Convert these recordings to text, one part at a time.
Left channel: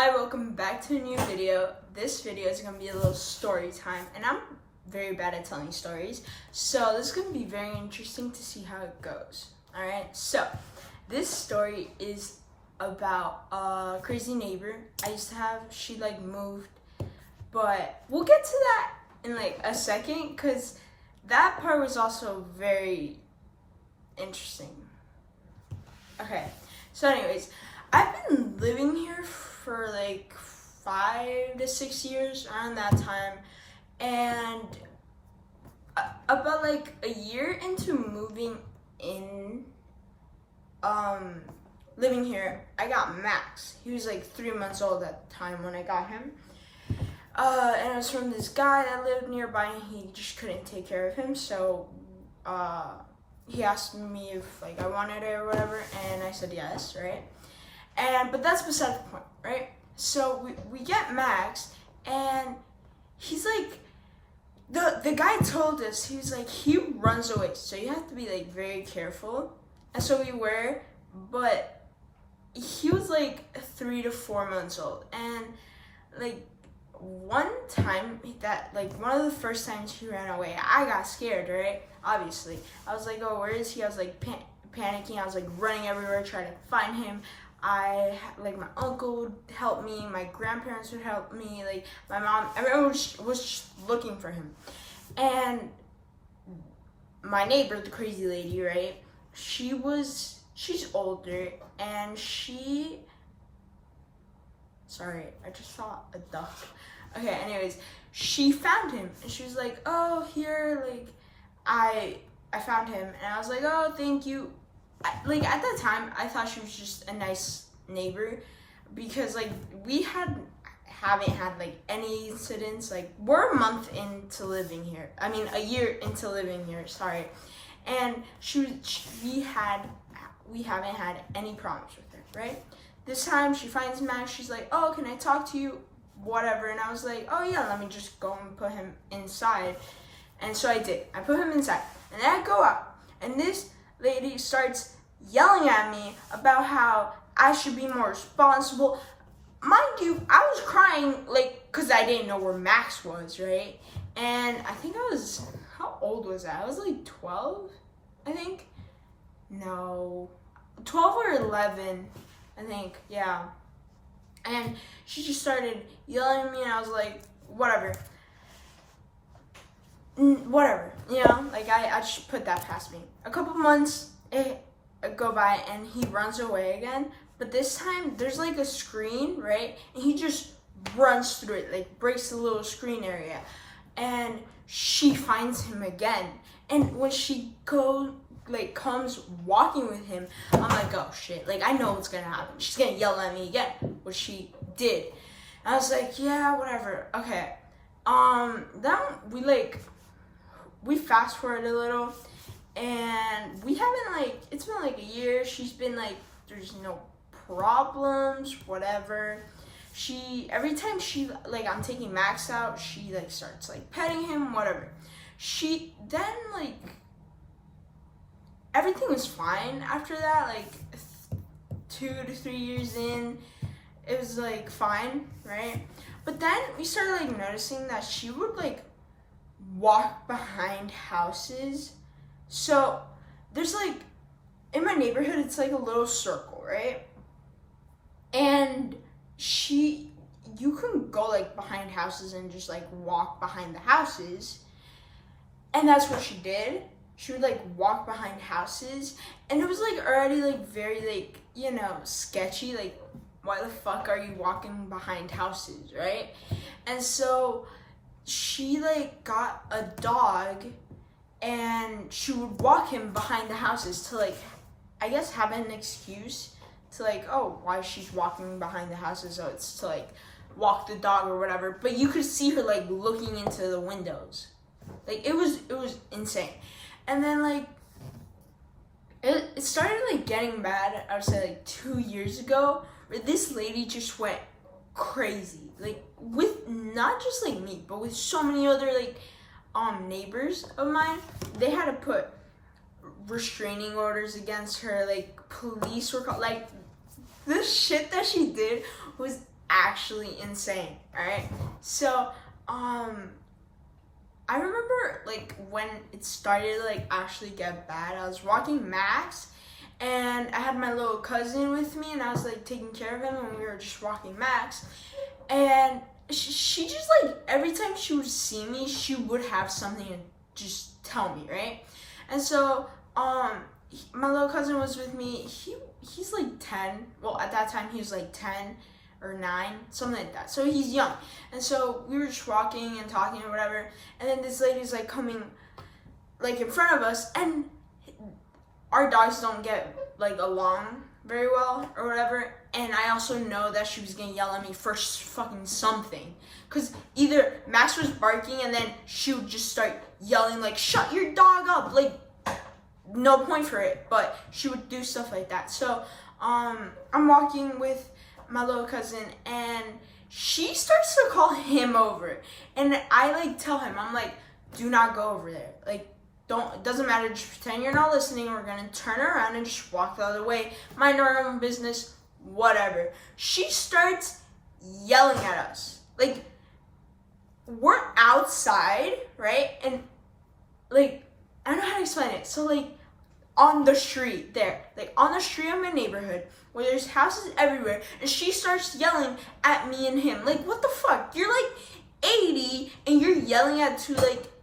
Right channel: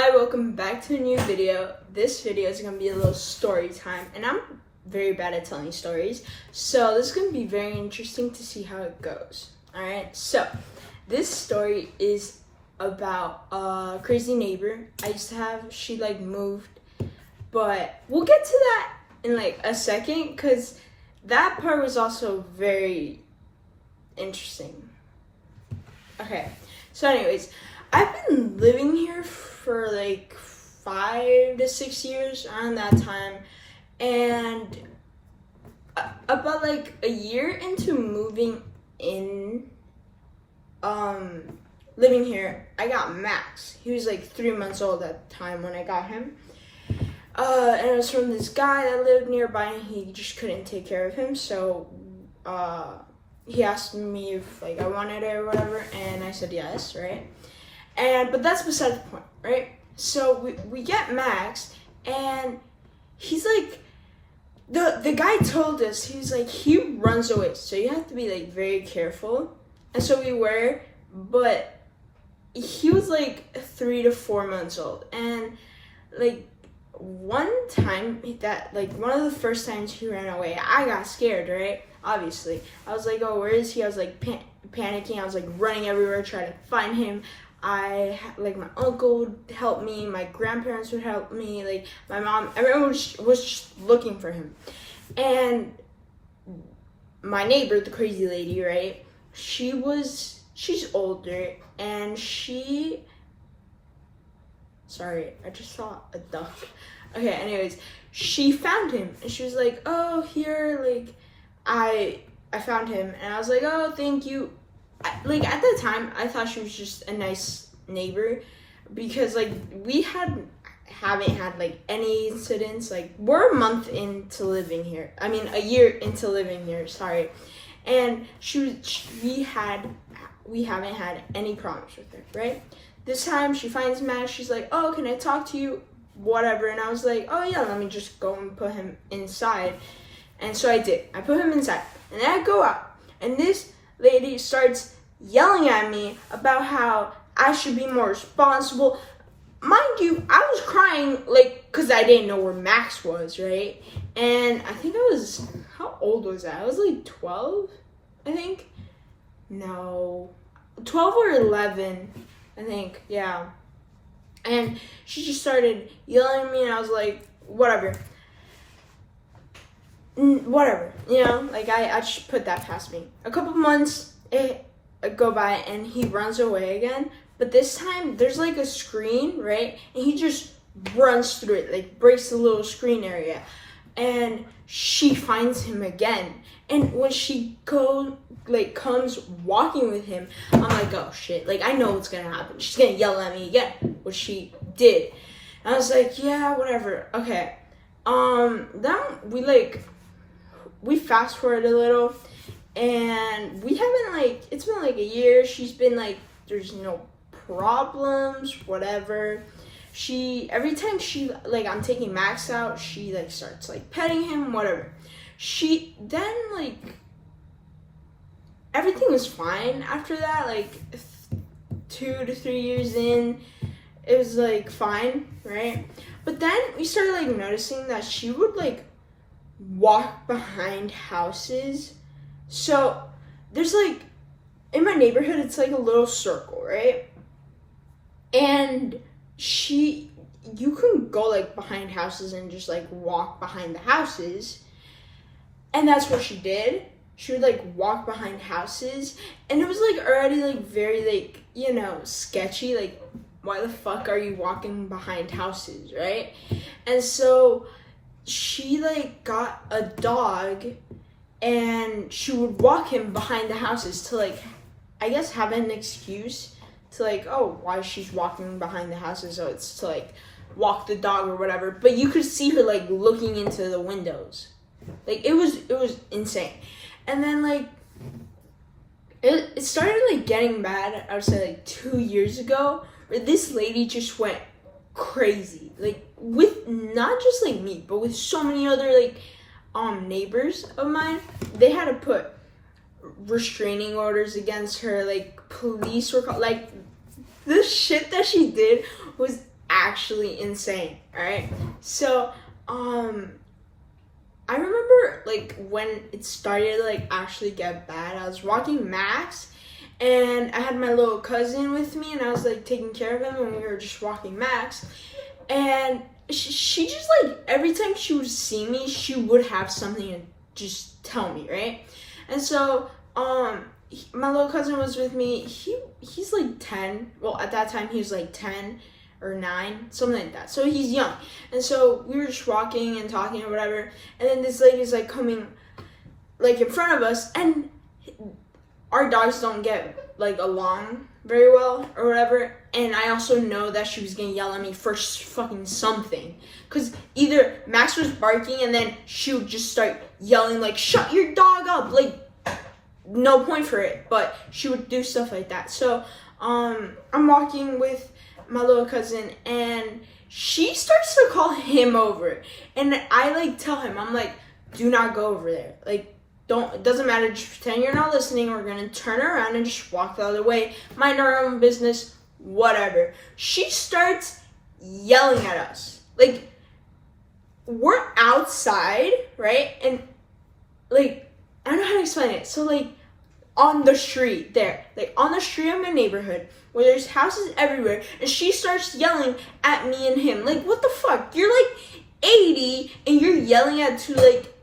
Hi, welcome back to a new video. This video is going to be a little story time, and I'm very bad at telling stories, so this is going to be very interesting to see how it goes. Alright, so this story is about a crazy neighbor I used to have. She moved, but we'll get to that in a second because that part was also very interesting. Okay, so anyways, I've been living here for 5 to 6 years around that time, and about a year into moving in, living here, I got Max. He was 3 months old at the time when I got him, and it was from this guy that lived nearby, and he just couldn't take care of him, so he asked me if I wanted it or whatever, and I said yes, right? But that's beside the point, right? So we get Max, and he's the guy told us, he runs away, so you have to be very careful. And so we were, but he was 3 to 4 months old, and one time that one of the first times he ran away, I got scared, right? Obviously, I was oh, where is he? I was panicking. I was running everywhere trying to find him. My uncle would help me, my grandparents would help me, my mom, everyone was just looking for him. And my neighbor, the crazy lady, right, she's older, and sorry, I just saw a duck. Okay, anyways, she found him, and she was oh, here, I found him, and I was oh, thank you. At the time, I thought she was just a nice neighbor, because we haven't had any incidents. We're a month into living here. I mean, a year into living here. Sorry, and we haven't had any problems with her. Right? This time, she finds Max. She's oh, can I talk to you? Whatever. And I was oh yeah, let me just go and put him inside. And so I did. I put him inside, and then I go out, and this lady starts yelling at me about how I should be more responsible. Mind you, I was crying because I didn't know where Max was, right? And I think how old was I? I was 12, I think. No, 12 or 11, I think, yeah. And she just started yelling at me, and I was whatever, you know, I just put that past me. A couple months go by, and he runs away again, but this time there's a screen, right, and he just runs through it, breaks the little screen area, and she finds him again. And when she comes walking with him, I'm oh shit, I know what's gonna happen. She's gonna yell at me again, which she did. And I was yeah, whatever. Okay, then we fast forward a little, and we haven't it's been a year. She's been there's no problems, whatever. Every time I'm taking Max out, she starts petting him, whatever. She then everything was fine after that. 2 to 3 years in, it was fine, right? But then we started noticing that she would walk behind houses. So there's in my neighborhood, it's a little circle, right? And you can go behind houses and just walk behind the houses. And that's what she did. She would walk behind houses, and it was already very you know, sketchy. Why the fuck are you walking behind houses, right? And so she got a dog, and she would walk him behind the houses to I guess have an excuse to oh, why she's walking behind the houses. So it's to walk the dog or whatever, but you could see her looking into the windows. It was insane. And then it started getting bad, I would say 2 years ago, where this lady just went crazy, with not just me, but with so many other neighbors of mine. They had to put restraining orders against her, police were called. The shit that she did was actually insane. All right. So, I remember like when it started like actually get bad. I was walking Max, and I had my little cousin with me, and I was like taking care of him, and we were just walking Max, and she just like every time she would see me, she would have something to just tell me, right? And so my little cousin was with me. He's like 10. Well, at that time he was like 10 or 9, something like that. So he's young. And so we were just walking and talking or whatever. And then this lady's like coming like in front of us, and our dogs don't get like along very well or whatever. And I also know that she was gonna yell at me for fucking something. Cause either Max was barking and then she would just start yelling like, shut your dog up. Like, no point for it, but she would do stuff like that. So I'm walking with my little cousin, and she starts to call him over, and I like tell him, I'm like, do not go over there. Like, don't, it doesn't matter, just pretend you're not listening. We're gonna turn around and just walk the other way, mind our own business, whatever. She starts yelling at us. Like, we're outside, right? And like, I don't know how to explain it. So like on the street there, like on the street of my neighborhood, where there's houses everywhere, and she starts yelling at me and him. Like, what the fuck? You're like 80 and you're yelling at two like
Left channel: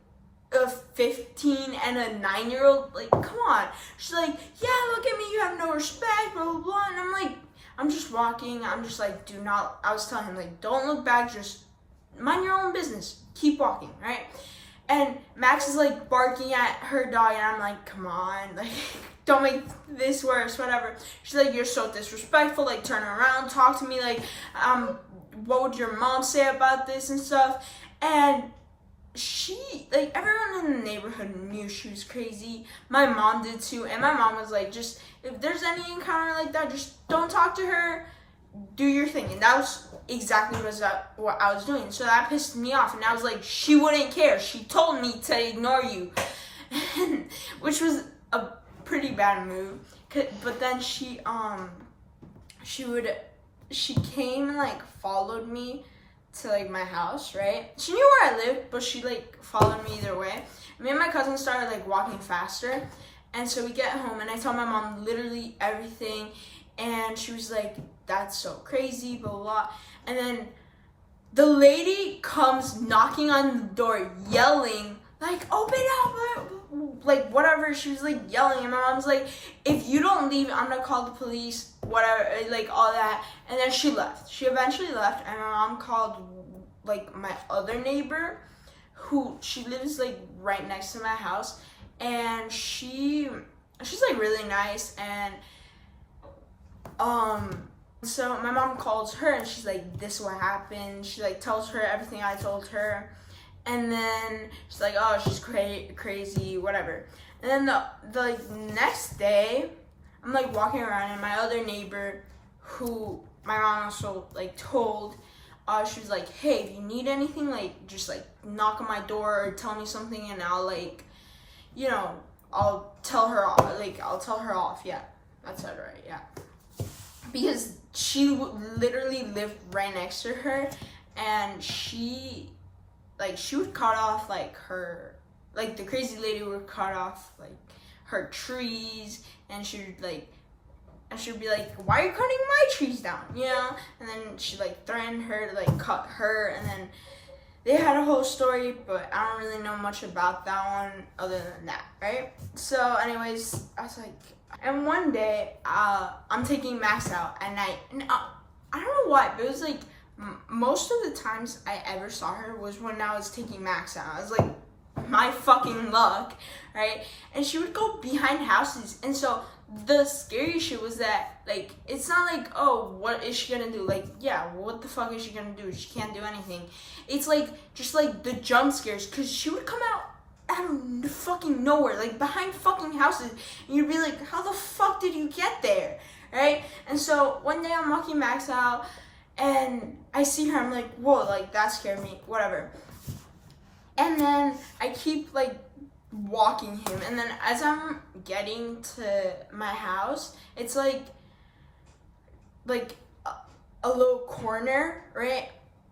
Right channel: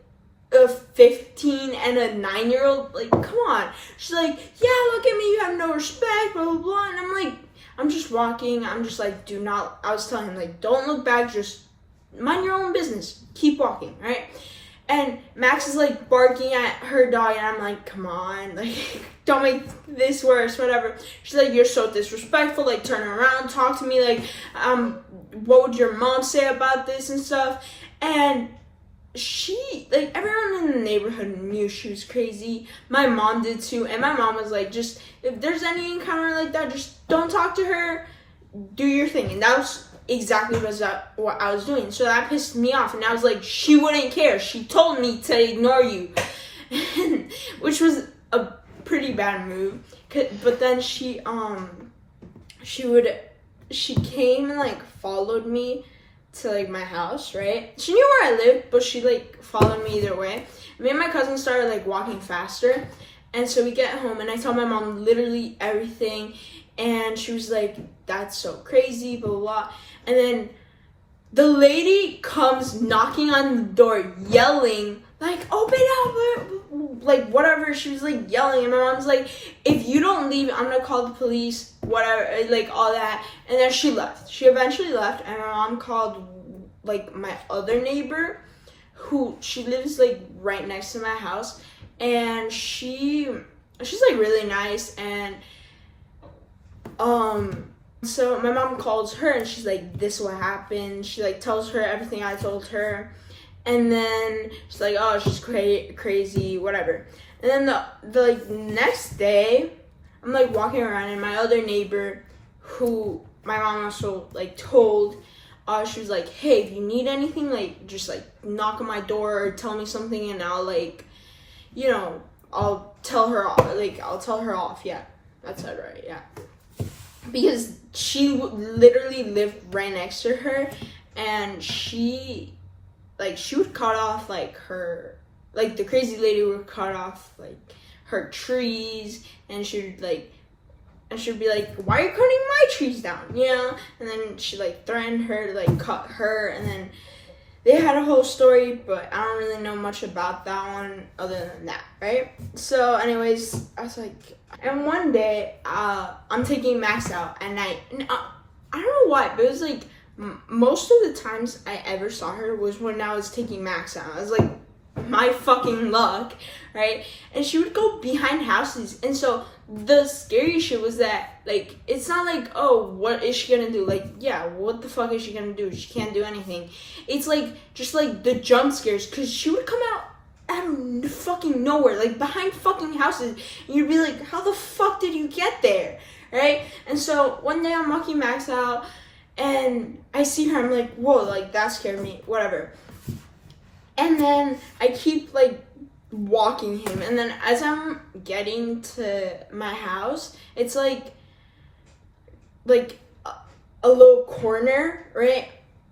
a 15 and a 9-year-old. Like, come on. She's like, yeah, look at me, you have no respect, blah blah blah. And I'm like, I'm just walking. I'm just like, do not. I was telling him like, don't look back, just mind your own business, keep walking, right? And Max is like barking at her dog, and I'm like, come on, like, don't make this worse, whatever. She's like, you're so disrespectful, like, turn around, talk to me, like, what would your mom say about this and stuff? And she, like, everyone in the neighborhood knew she was crazy. My mom did too, and my mom was like, just, if there's any encounter like that, just don't talk to her, do your thing. And that was exactly what I was doing. So that pissed me off, and I was like, she wouldn't care. She told me to ignore you, which was a pretty bad move. But then she came and like followed me to like my house, right? She knew where I lived, but she like followed me either way. Me and my cousin started like walking faster, and so we get home, and I tell my mom literally everything. And she was like, that's so crazy, blah, blah, blah. And then the lady comes knocking on the door, yelling, like, open up, like, whatever. She was, like, yelling. And my mom's like, if you don't leave, I'm going to call the police, whatever, like, all that. And then she left. She eventually left. And my mom called, like, my other neighbor, she lives, like, right next to my house. And she's, like, really nice. And so my mom calls her, and she's like, this is what happened. She like tells her everything I told her, and then she's like, oh, she's crazy, whatever. And then the like next day, I'm like walking around, and my other neighbor, who my mom also like told, she was like, hey, if you need anything, like just like knock on my door or tell me something, and I'll like, you know, I'll tell her off. Yeah, that's it, right? Yeah. Because she literally lived right next to her, and she would cut off like her, like the crazy lady would cut off like her trees, and she'd be like, why are you cutting my trees down, you know? And then she like threatened her to like cut her, and then they had a whole story, but I don't really know much about that one other than that, right? So anyways, I was like, and one day, I'm taking Max out at night, and I don't know why, but it was like, most of the times I ever saw her was when I was taking Max out. I was like, my fucking luck, right? And she would go behind houses, and so the scary shit was that, like, it's not like, oh, what is she gonna do? Like, yeah, what the fuck is she gonna do? She can't do anything. It's like, just like the jump scares, because she would come out of fucking nowhere, like behind fucking houses, and you'd be like, how the fuck did you get there, right? And so one day I'm walking Max out, and I see her, I'm like, whoa, like that scared me, whatever. And then I keep like walking him, and then as I'm getting to my house, it's like a little corner, right?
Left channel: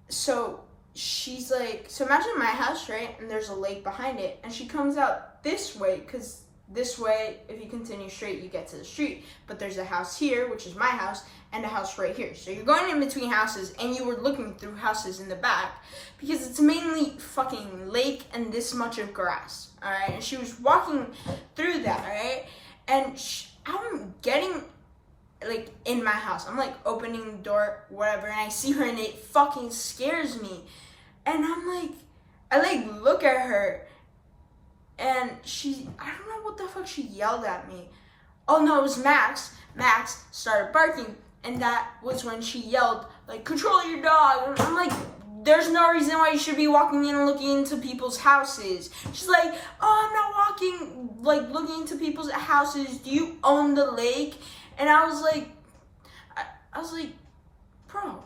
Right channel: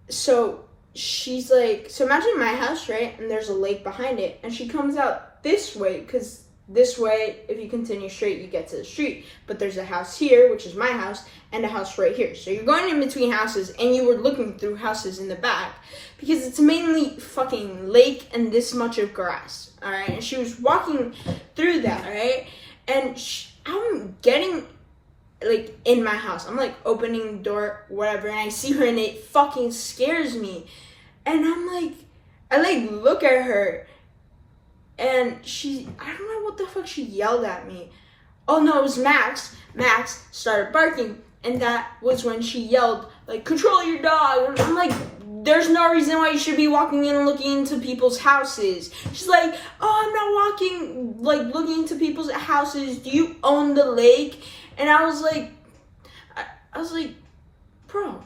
So she's like, so imagine my house, right? And there's a lake behind it. And she comes out this way, because this way, if you continue straight, you get to the street. But there's a house here, which is my house, and a house right here. So you're going in between houses, and you were looking through houses in the back, because it's mainly fucking lake and this much of grass, all right? And she was walking through that, all right? And I'm getting, like, in my house. I'm, like, opening the door, whatever, and I see her, and it fucking scares me. And I'm, like, I, like, look at her, and I don't know what the fuck she yelled at me. Oh, no, it was Max. Max started barking, and that was when she yelled, like, control your dog. And I'm like, there's no reason why you should be walking in and looking into people's houses. She's like, oh, I'm not walking, like, looking into people's houses. Do you own the lake? And I was like, bro,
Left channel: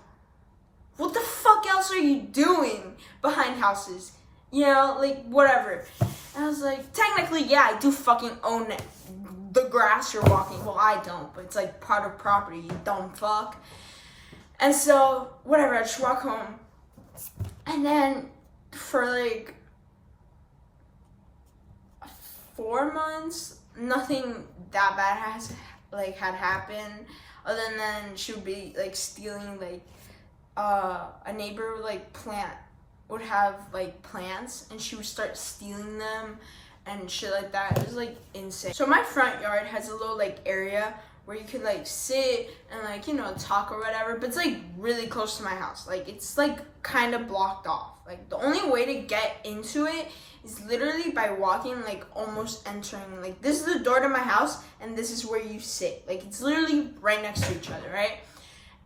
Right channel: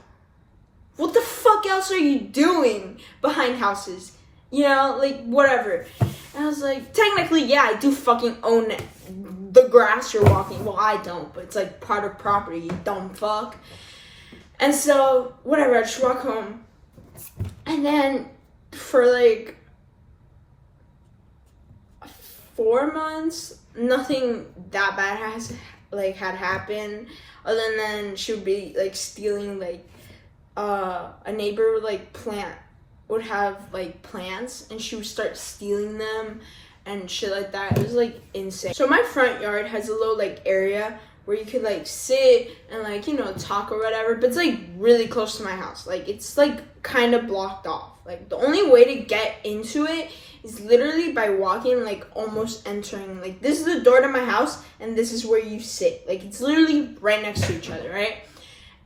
what the fuck else are you doing behind houses? You know, like, whatever. And I was like, technically, yeah, I do fucking own the grass you're walking. Well, I don't, but it's like part of property, you dumb fuck. And so, whatever, I just walk home. And then for like 4 months, nothing that bad had happened, other than she would be like stealing, like a neighbor would have like plants, and she would start stealing them and shit like that. It was like insane. So my front yard has a little like area where you could like sit and like, you know, talk or whatever, but it's like really close to my house. Like it's like kind of blocked off. Like the only way to get into it is literally by walking, like almost entering, like this is the door to my house and this is where you sit. Like it's literally right next to each other, right?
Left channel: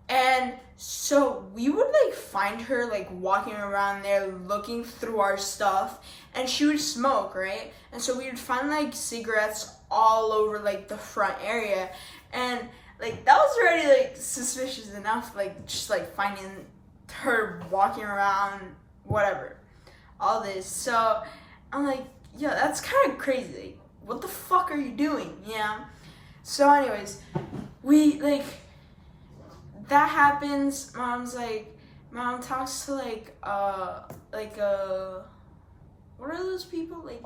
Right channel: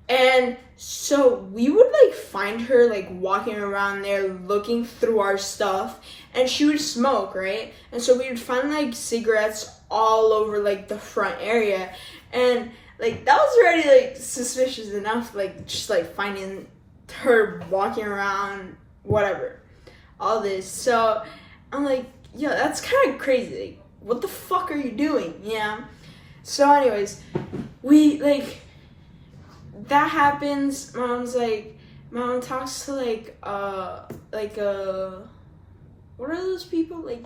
And so we would like find her like walking around there looking through our stuff, and she would smoke, right? And so we would find like cigarettes all over like the front area, and like that was already like suspicious enough, like just like finding her walking around, whatever, all this. So I'm like, yo, that's kind of crazy. Like, what the fuck are you doing? Yeah. So anyways, we like, that happens. Mom talks to like what are those people, like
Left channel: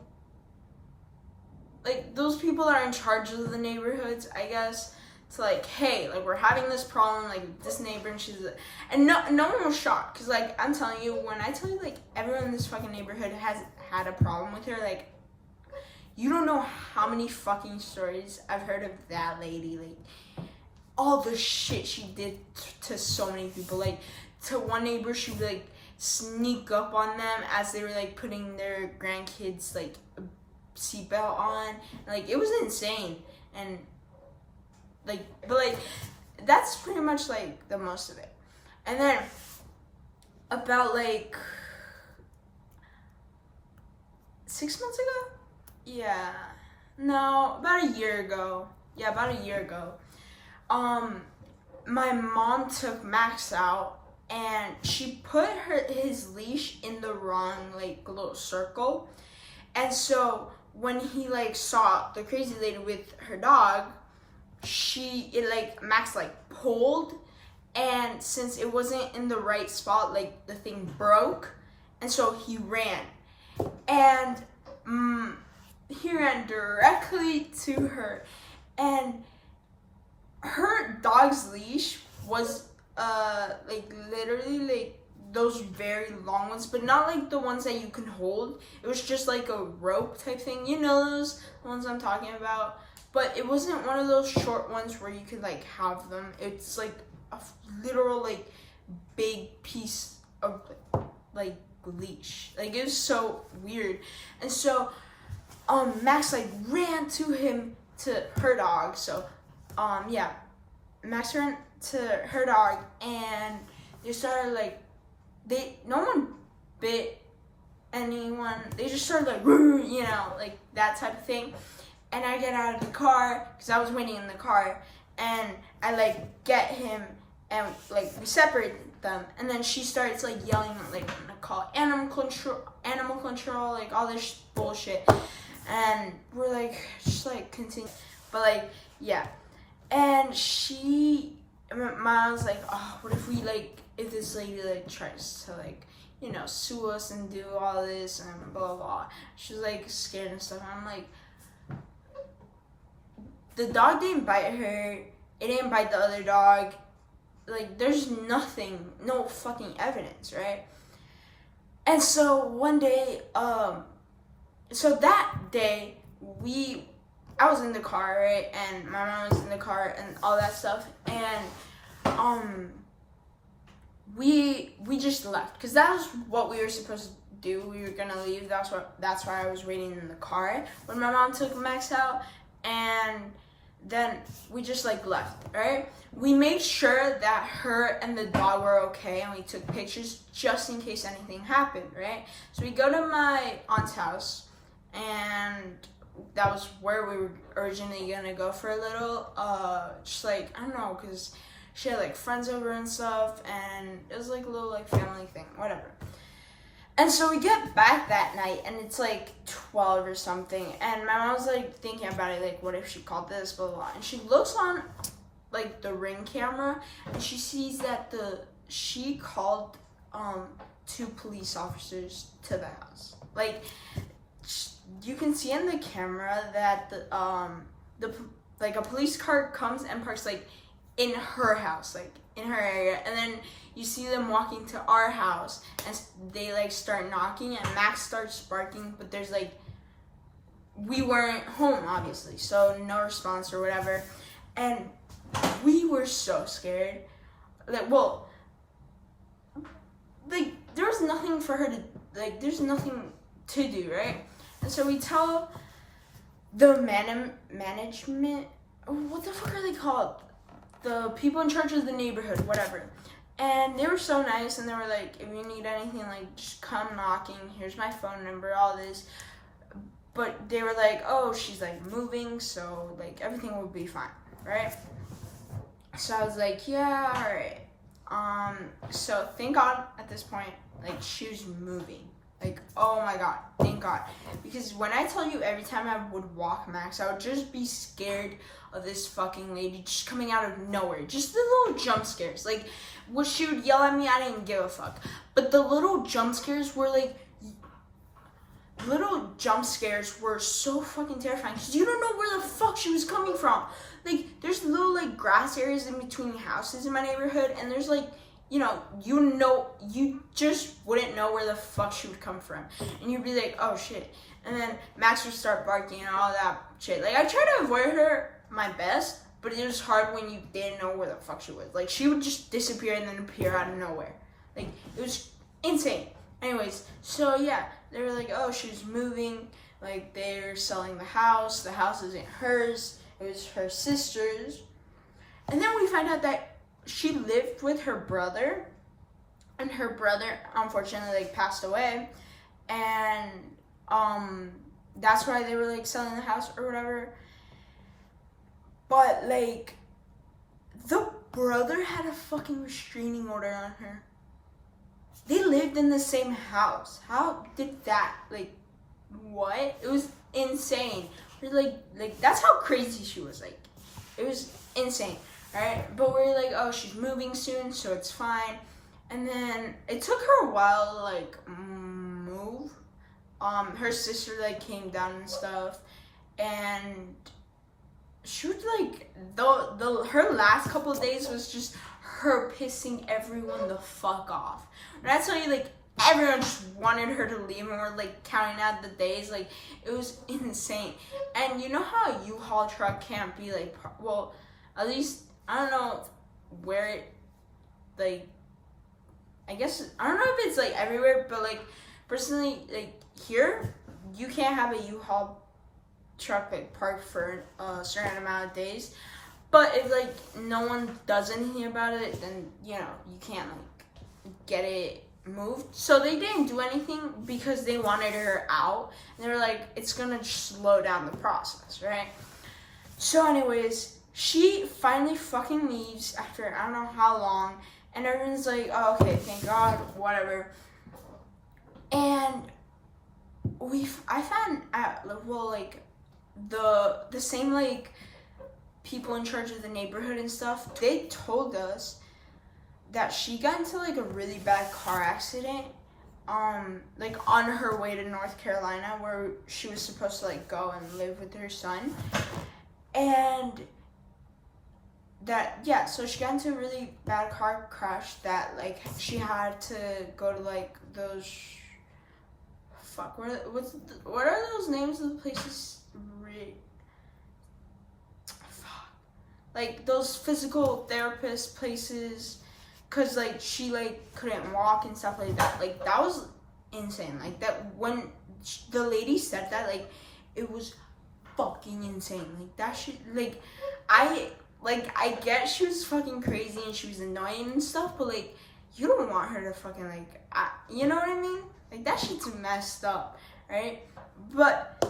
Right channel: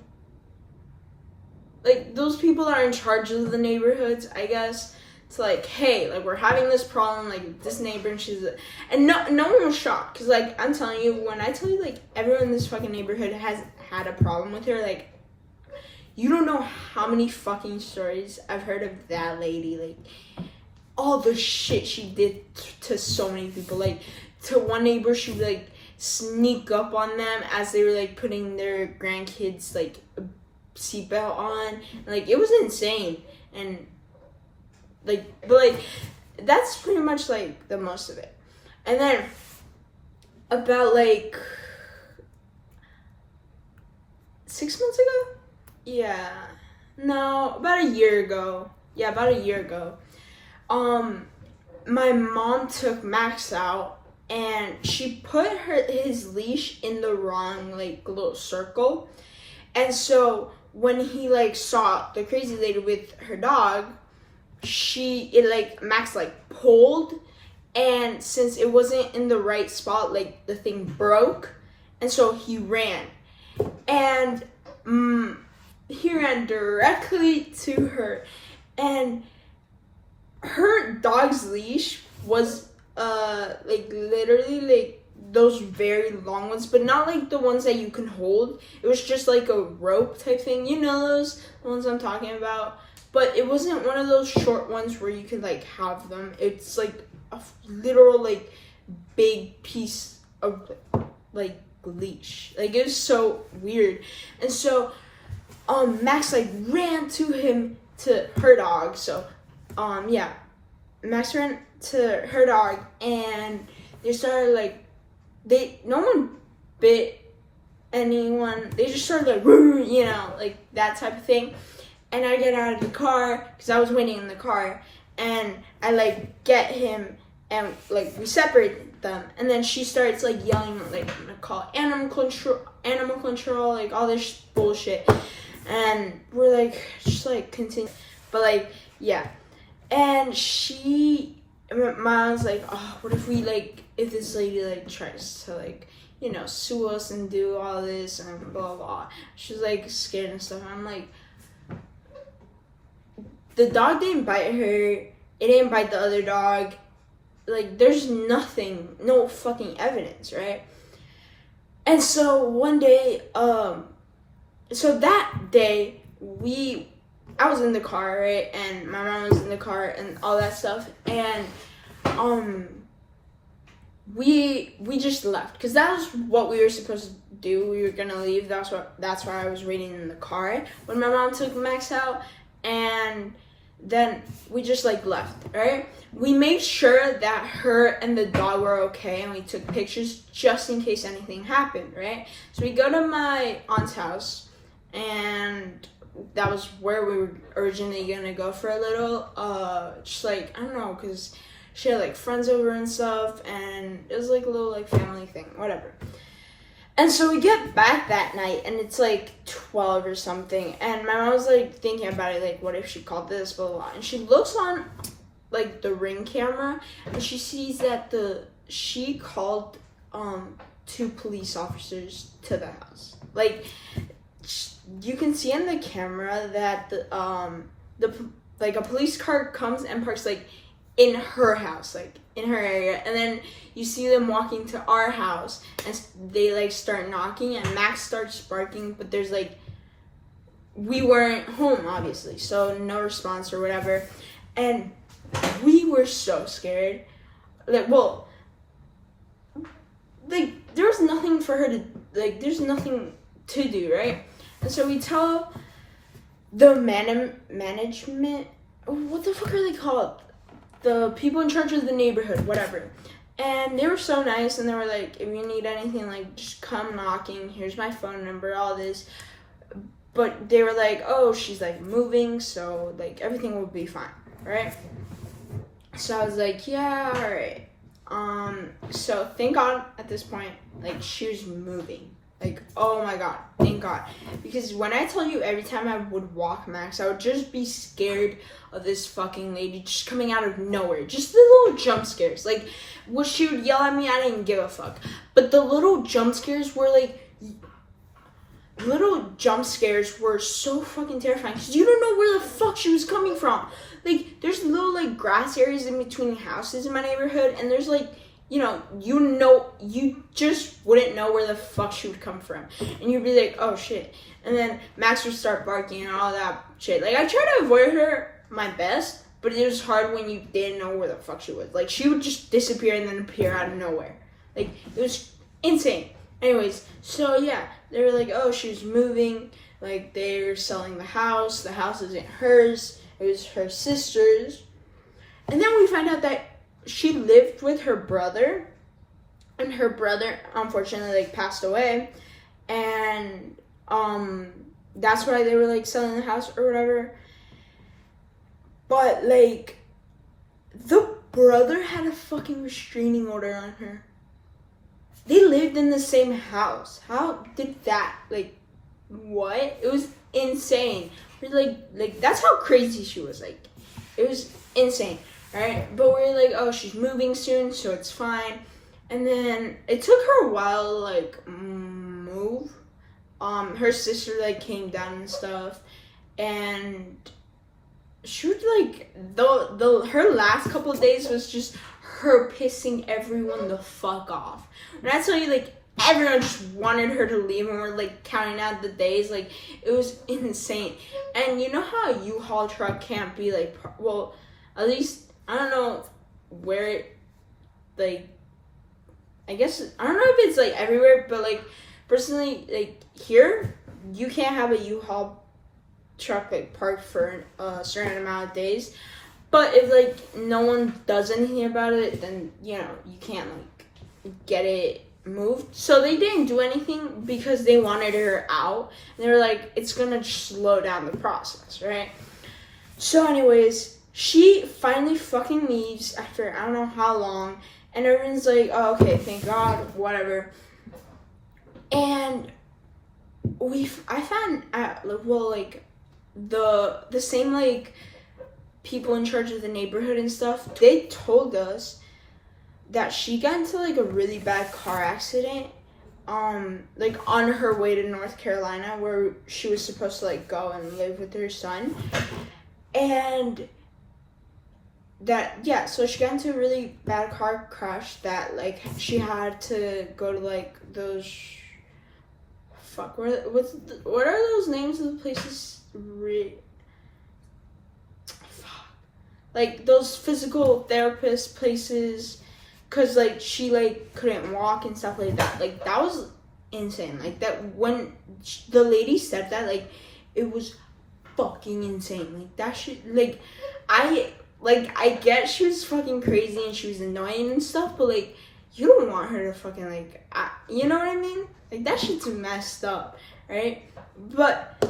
those people that are in charge of the neighborhoods, I guess. It's like, hey, like we're having this problem, like this neighbor, and no one was shocked, because like I'm telling you, when I tell you like everyone in this fucking neighborhood has had a problem with her, like you don't know how many fucking stories I've heard of that lady, like all the shit she did to so many people. Like to one neighbor, she would like sneak up on them as they were like putting their grandkids like a seatbelt on. And, like it was insane. And like, but like that's pretty much like the most of it. And then about like 6 months ago, about a year ago, my mom took Max out, and she put his leash in the wrong like little circle. And so when he like saw the crazy lady with her dog, Max like pulled, and since it wasn't in the right spot, like the thing broke, and so he ran, and he ran directly to her, and her dog's leash was like literally like those very long ones, but not like the ones that you can hold. It was just like a rope type thing, you know, those ones I'm talking about. But it wasn't one of those short ones where you could like have them. It's like a literal like big piece of like leash. Like it was so weird. And so Max like ran to her dog. So Max ran to her dog, and they started like, no one bit anyone. They just started like, you know, like that type of thing. And I get out of the car, because I was waiting in the car, and I like get him, and like we separate them, and then she starts like yelling like, I'm gonna call animal control, like all this bullshit. And we're like, just like continue, but like, yeah. And she And my mom was like, oh, what if we, like, if this lady, like, tries to, like, you know, sue us and do all this and blah, blah. She's, like, scared and stuff. And I'm like, the dog didn't bite her. It didn't bite the other dog. Like, there's nothing, no fucking evidence, right? And so one day, so that day, I was in the car, right? And my mom was in the car and all that stuff. And, we just left. Because that was what we were supposed to do. We were gonna leave. That's why I was waiting in the car when my mom took Max out. And then we just, like, left, right? We made sure that her and the dog were okay, and we took pictures just in case anything happened, right? So we go to my aunt's house, and that was where we were originally gonna go for a little, just, like, I don't know, because she had, like, friends over and stuff, and it was, like, a little, like, family thing, whatever. And so we get back that night, and it's, like, 12 or something, and my mom was, like, thinking about it, like, what if she called this, blah, blah, blah. And she looks on, like, the Ring camera, and she sees that she called, 2 police officers to the house. Like, you can see in the camera that a police car comes and parks, like, in her house, like, in her area, and then you see them walking to our house, and they, like, start knocking, and Max starts barking, but there's, like, we weren't home, obviously, so no response or whatever, and we were so scared. Like, well, like, there was nothing for her to, like, there's nothing to do, right? And so we tell the management, what the fuck are they called? The people in charge of the neighborhood, whatever. And they were so nice, and they were like, if you need anything, like, just come knocking. Here's my phone number, all this. But they were like, oh, she's, like, moving, so, like, everything will be fine, right? So I was like, yeah, all right. So thank God at this point, like, she was moving. Like, oh my God, thank God. Because when I tell you every time I would walk Max, I would just be scared of this fucking lady just coming out of nowhere. Just the little jump scares. Like, when she would yell at me, I didn't give a fuck. But the little jump scares were, like, so fucking terrifying. Because you don't know where the fuck she was coming from. Like, there's little, like, grass areas in between houses in my neighborhood. And there's, like, you just wouldn't know where the fuck she would come from. And you'd be like, oh, shit. And then Max would start barking and all that shit. Like, I tried to avoid her my best, but it was hard when you didn't know where the fuck she was. Like, she would just disappear and then appear out of nowhere. Like, it was insane. Anyways, so, yeah. They were like, oh, she's moving. Like, they're selling the house. The house isn't hers. It was her sister's. And then we find out that she lived with her brother, and her brother unfortunately, like, passed away, and that's why they were, like, selling the house or whatever. But, like, the brother had a fucking restraining order on her. They lived in the same house. How did that, like, what? It was insane. We're like that's how crazy she was. Like, it was insane. Right? But we're like, oh, she's moving soon, so it's fine. And then it took her a while to, like, move. Her sister, like, came down and stuff, and she would, like, her last couple of days was just her pissing everyone the fuck off. When I tell you, like, everyone just wanted her to leave, and we're, like, counting out the days. Like, it was insane. And you know how a U-Haul truck can't be, like, well, at least, I don't know where it, like, I guess, I don't know if it's, like, everywhere, but, like, personally, like, here, you can't have a U-Haul truck, like, parked for a certain amount of days. But if, like, no one does anything about it, then, you know, you can't, like, get it moved. So they didn't do anything because they wanted her out. And they were like, it's gonna slow down the process, right? So anyways, she finally fucking leaves after I don't know how long, and everyone's like, oh, okay, thank God, whatever. And I found out, well, like, the same, like, people in charge of the neighborhood and stuff, they told us that she got into like a really bad car accident, like on her way to North Carolina, where she was supposed to like go and live with her son. And that, yeah, so she got into a really bad car crash that like she had to go to like those, what are those names of the places? Like those physical therapist places, cause like she like couldn't walk and stuff like that. Like that was insane. Like that, when the lady said that, like it was fucking insane. Like that shit, like I get she was fucking crazy and she was annoying and stuff, but like you don't want her to fucking like, you know what I mean? Like that shit's messed up, right? But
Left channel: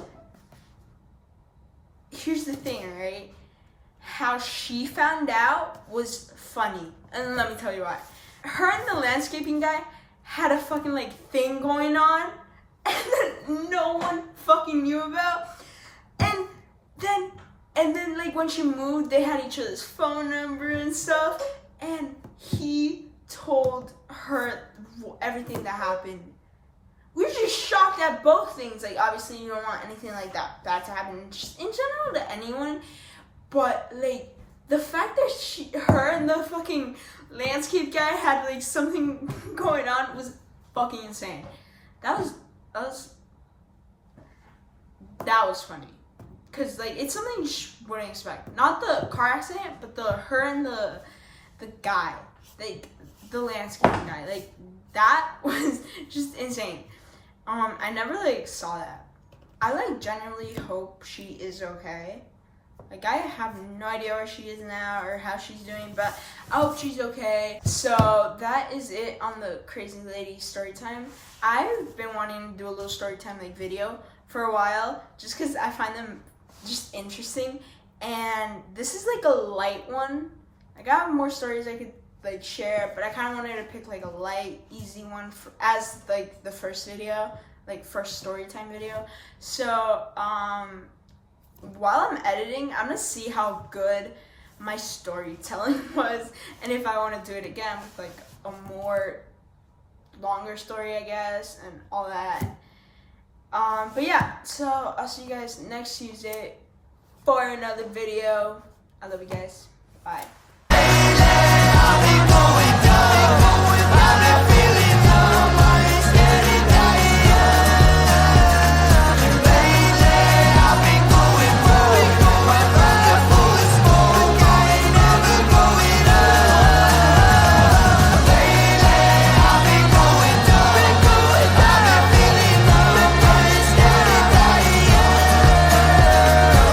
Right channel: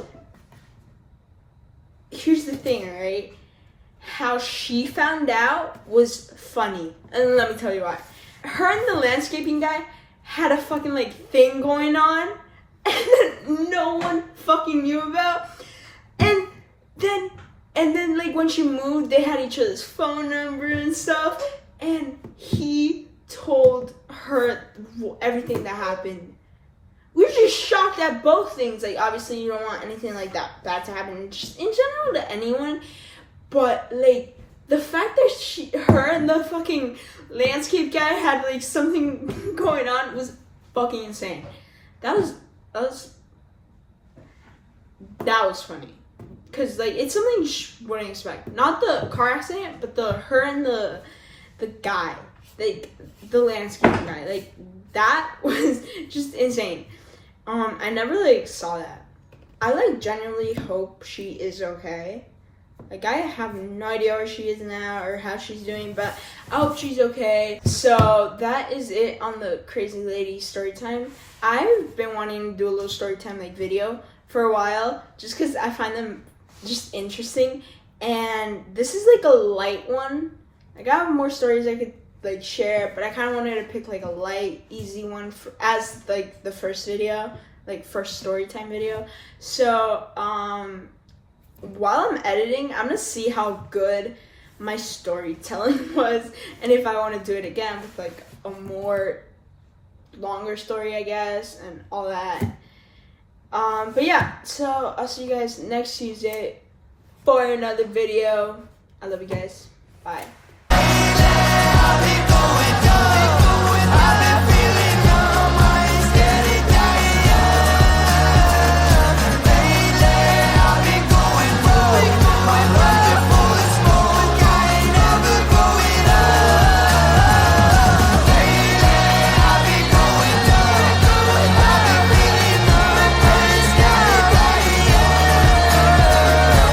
here's the thing, right? How she found out was funny, and let me tell you why. Her and the landscaping guy had a fucking like thing going on, and then no one fucking knew about. And then like when she moved, they had each other's phone number and stuff, and he told her everything that happened. We were just shocked at both things. Like obviously you don't want anything like that bad to happen just in general to anyone. But like the fact that her and the fucking landscape guy had like something going on was fucking insane. That was funny, cause like it's something you wouldn't expect. Not the car accident, but her and the guy, like the landscaping guy, like that was just insane. I never like saw that. I like genuinely hope she is okay. Like, I have no idea where she is now or how she's doing, but I hope she's okay. So, that is it on the Crazy Lady story time. I've been wanting to do a little story time, like, video for a while, just because I find them just interesting. And this is, like, a light one. Like, I have more stories I could, like, share, but I kind of wanted to pick, like, a light, easy one as, like, the first video, like, first story time video. So, while I'm editing, I'm gonna see how good my storytelling was, and if I want to do it again with like a more longer story, I guess, and all that. But yeah, so I'll see you guys next Tuesday for another video. I love you guys. Bye.